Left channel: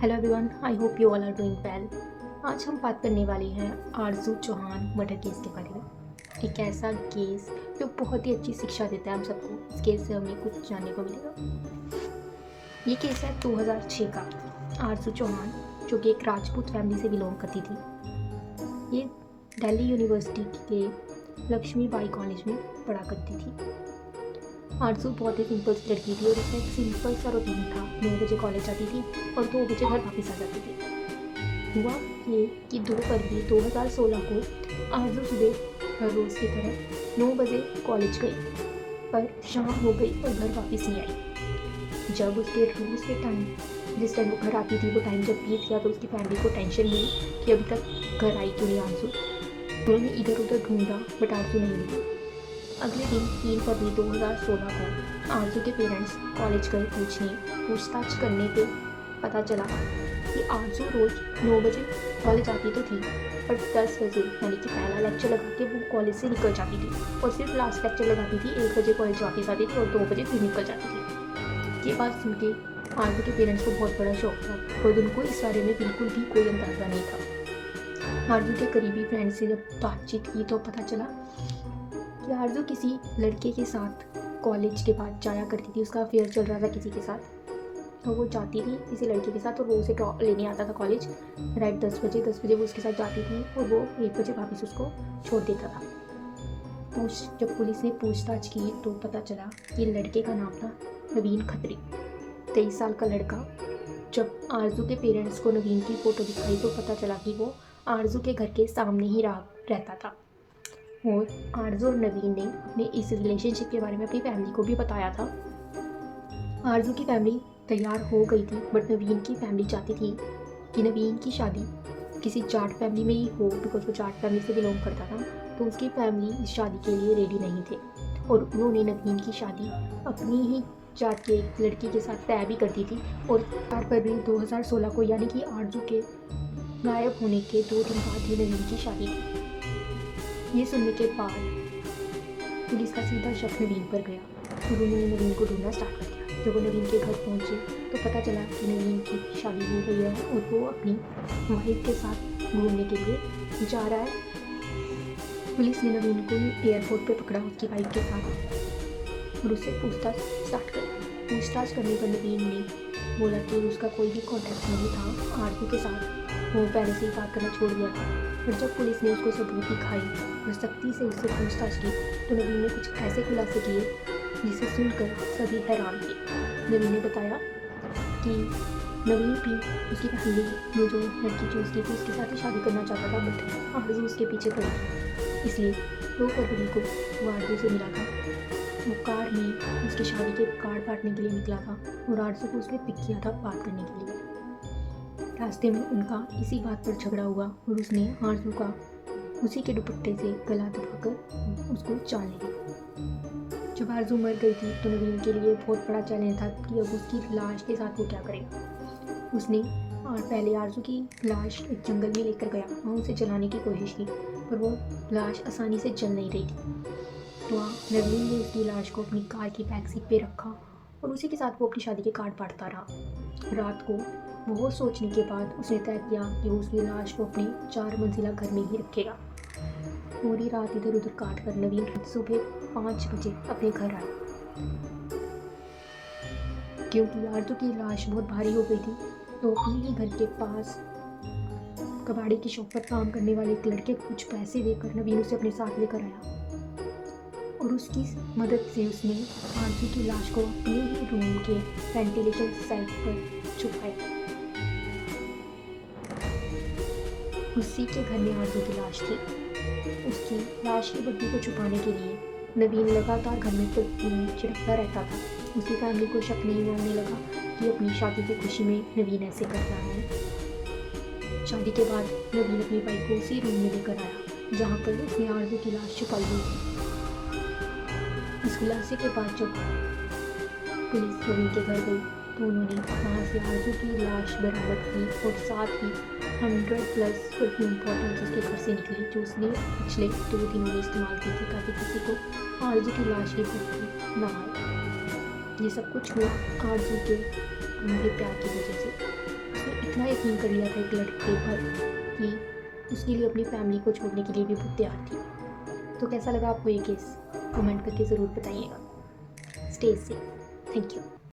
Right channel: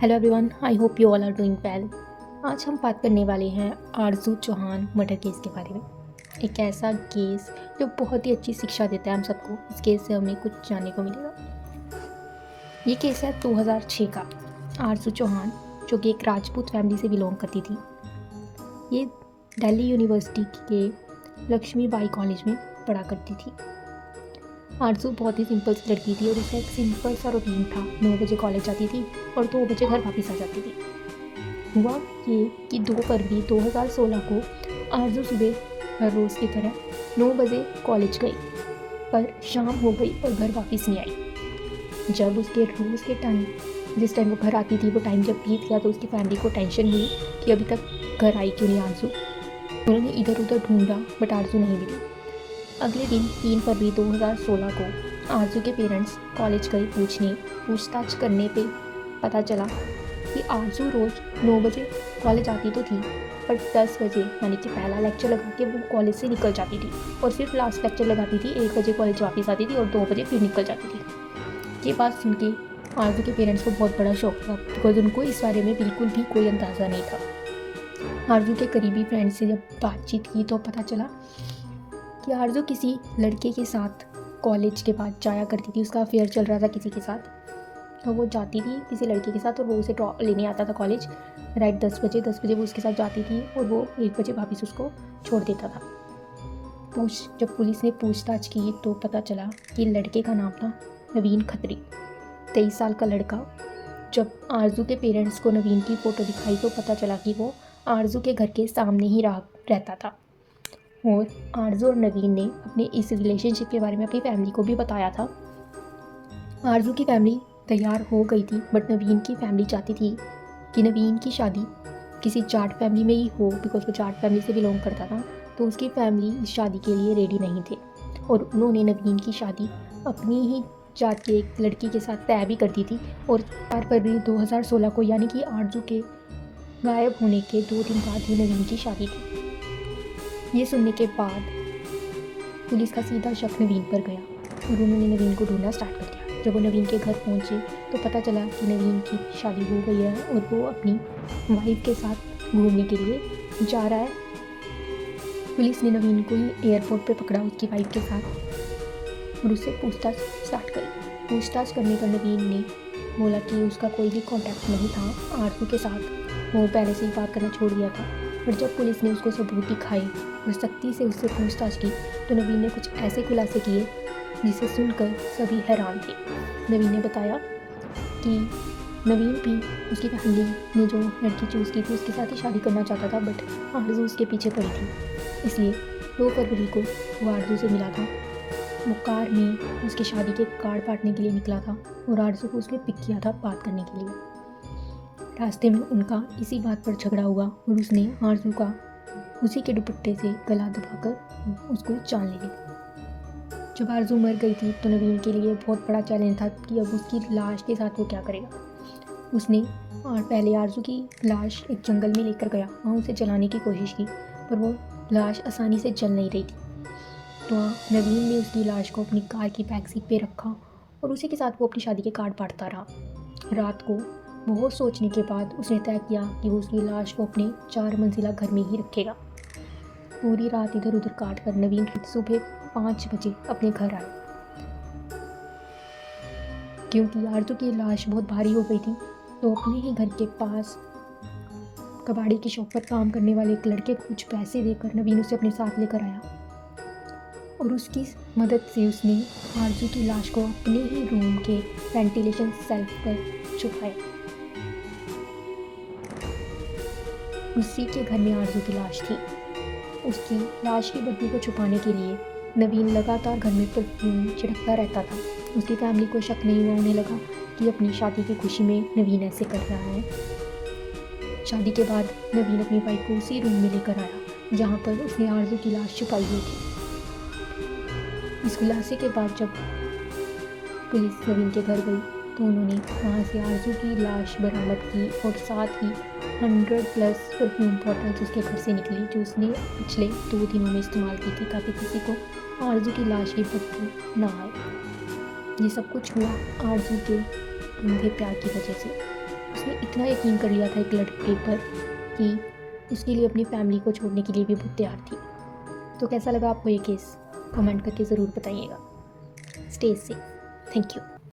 Hello everyone, I hope you all are doing well. आज हम बात करने वाले हैं आरजू चौहान मर्डर केस के बारे में। एक ऐसा केस जो बहुत ही अच्छी शिक्षा देता है हम सबको। इस केस से हमें कुछ जानने को मिलेगा। ये केस है 2006 का। आरजू चौहान जो कि एक राजपूत फैमिली से बिलोंग करती थी, ये दिल्ली यूनिवर्सिटी के लक्ष्मीबाई कॉलेज में पढ़ा करती थी। आरजू बहुत ही सिंपल सी लड़की थी और उसका एक सिंपल सा रूटीन था। 9 बजे कॉलेज जाती थी और 2 बजे घर वापस आ जाती थी। हुआ ये कि 2 फरवरी 2016 को आरजू सुबह हर रोज़ की तरह 9 बजे कॉलेज गई, पर शाम हो गई और घर वापस नहीं आई। जब उसके रोज़ के टाइम, जिस टाइम वो घर आती थी, वो टाइम जब बीत गया तो उसकी फैमिली को टेंशन हुई कि अभी तक घर आई क्यों नहीं आरजू। उन्होंने इधर उधर ढूंढा बट आरजू नहीं मिली। अगले दिन 3 फरवरी 2016 को आरजू के पेरेंट्स कॉलेज गए पूछताछ करने पे पता चला कि आरजू रोज़ 9 बजे कॉलेज आती तो थी, पर 10 बजे यानी कि पहला लेक्चर लगा के वो कॉलेज से निकल जाती थी और सिर्फ लास्ट लेक्चर लगाती थी। 1 बजे कॉलेज वापस आती थी और 2 बजे फिर निकल जाती थी। ये बात सुन के आरजू के पेरेंट्स को बहुत बड़ा शौक था, बिकॉज उनको इस बारे में बिल्कुल भी कोई अंदाज़ा नहीं था। आरजू के करीबी फ्रेंड से जब बातचीत की तो पता चला कि आरजू किसी लड़के के साथ कॉलेज के बाद जाया करती थी। उसका अफेयर चल रहा था किसी के साथ, तो वो जाती थी किसी लड़के के साथ और वो उसे लेने आता था कॉलेज राइट 10 बजे वो उसके साथ जाती थी और वो 1 बजे वापस उसको छोड़ देता था। जब पुलिस ने पूछताछ की तो पता चला कि लड़के का नाम था नवीन खत्री, 23 साल का लड़का। जब आरजू के पेरेंट्स को नवीन की फ़ोटो दिखाई तो पता चला कि वो आरजू के घर के सामने ही रहता था। और आरजू और नवीन ने अपने इस रिलेशनशिप के बारे में अपनी फैमिली को भी बताया था। आरजू की फैमिली तैयार हो गई थी, बट नवीन की फैमिली चाहती थी कि नवीन की शादी किसी जाट फैमिली में ही हो, बिकॉज वो जाट फैमिली से बिलोंग करता था। तो उसकी फैमिली इस शादी के लिए रेडी नहीं थे और उन्होंने नवीन की शादी अपनी ही जाट के एक लड़की के साथ तय भी कर दी थी। और 4 फरवरी 2016 को, यानी कि आरजू के गायब होने के 2 दिन बाद ही नवीन की शादी थी। ये सुनने के बाद पुलिस का सीधा शक नवीन पर गया और उन्होंने नवीन को ढूंढना स्टार्ट कर दिया। जब वो नवीन के घर पहुंचे तो पता चला कि नवीन की शादी हो गई है और वो अपनी वाइफ के साथ घूमने के लिए जा रहा है। पुलिस ने नवीन को एयरपोर्ट पे पकड़ा उसकी वाइफ के साथ और उससे पूछताछ स्टार्ट करी। पूछताछ करने पर नवीन ने बोला कि उसका कोई भी कॉन्टैक्ट नहीं था आरजू के साथ, वो पहले से ही बात करना छोड़ दिया था। पर जब पुलिस ने उसको सबूत दिखाई और सख्ती से उससे पूछताछ की तो नवीन ने कुछ ऐसे खुलासे किए जिसे सुनकर सभी हैरान थे। नवीन ने बताया कि नवीन भी उसकी फैमिली ने जो लड़की चूज़ की थी उसके साथ ही शादी करना चाहता था, बट आरजू उसके पीछे पड़ी थी। इसलिए 2 फरवरी को वो आरजू से मिला था। वो कार में उसकी शादी के कार्ड बांटने के लिए निकला था और आरजू को उसने पिक किया था बात करने के लिए। रास्ते में उनका इसी बात पर झगड़ा हुआ और उसने आरजू का उसी के दुपट्टे से गला दबाकर उसको जान ले ली। जब आरजू मर गई थी तो नवीन के लिए बहुत बड़ा चैलेंज था कि अब उसकी लाश के साथ वो क्या करेगा। उसने पहले आरजू की लाश एक जंगल में लेकर गया, वहाँ उसे जलाने की कोशिश की, पर वो लाश आसानी से जल नहीं रही थी। तो नवीन ने उसकी लाश को अपनी कार की बैक सीट पे रखा और उसी के साथ वो अपनी शादी के कार्ड बांटता रहा। रात को बहुत सोचने के बाद उसने तय किया कि वो उसकी लाश को अपने 4 मंजिला घर में ही रखेगा। पूरी रात इधर उधर काट कर नवीन सुबह 5 बजे अपने घर आया। क्योंकि आरजू की लाश बहुत भारी हो गई थी तो अपने ही घर के पास कबाड़ी की शॉप पर काम करने वाले एक लड़के को कुछ पैसे देकर नवीन उसे अपने साथ लेकर आया और उसकी मदद से उसने आरजू की लाश को अपने ही रूम के वेंटिलेशन सेल्फ पर छुपाया। उसी के घर में आरजू की लाश थी। उसकी लाश की बदबू को छुपाने के लिए नवीन लगातार घर में परफ्यूम छिड़कता रहता था। उसकी फैमिली को शक नहीं हुआ, उन्हें लगा कि अपनी शादी की खुशी में नवीन ऐसे कर रहा है। शादी के बाद नवीन अपनी वाइफ को उसी रूम में लेकर आया जहाँ पर उसने आरजू की लाश छुपाई हुई थी। इस खुलासे के बाद जब पुलिस नवीन के घर गई तो उन्होंने वहाँ से आरजू की लाश बरामद की और साथ ही 100+ परफ्यूम बॉटल्स उसके घर से निकली जो उसने पिछले 2 दिनों में इस्तेमाल की थी ताकि किसी को आरजू की लाश की बदबू ना आए। ये सब कुछ हुआ आरजू के अंधे प्यार की वजह से। उसने इतना इतना यकीन कर लिया था एक लड़के पर कि उसके लिए अपनी फैमिली को छोड़ने के लिए भी बहुत तैयार थी। तो कैसा लगा आपको ये केस? कमेंट करके ज़रूर बताइएगा। Stay safe. Thank you.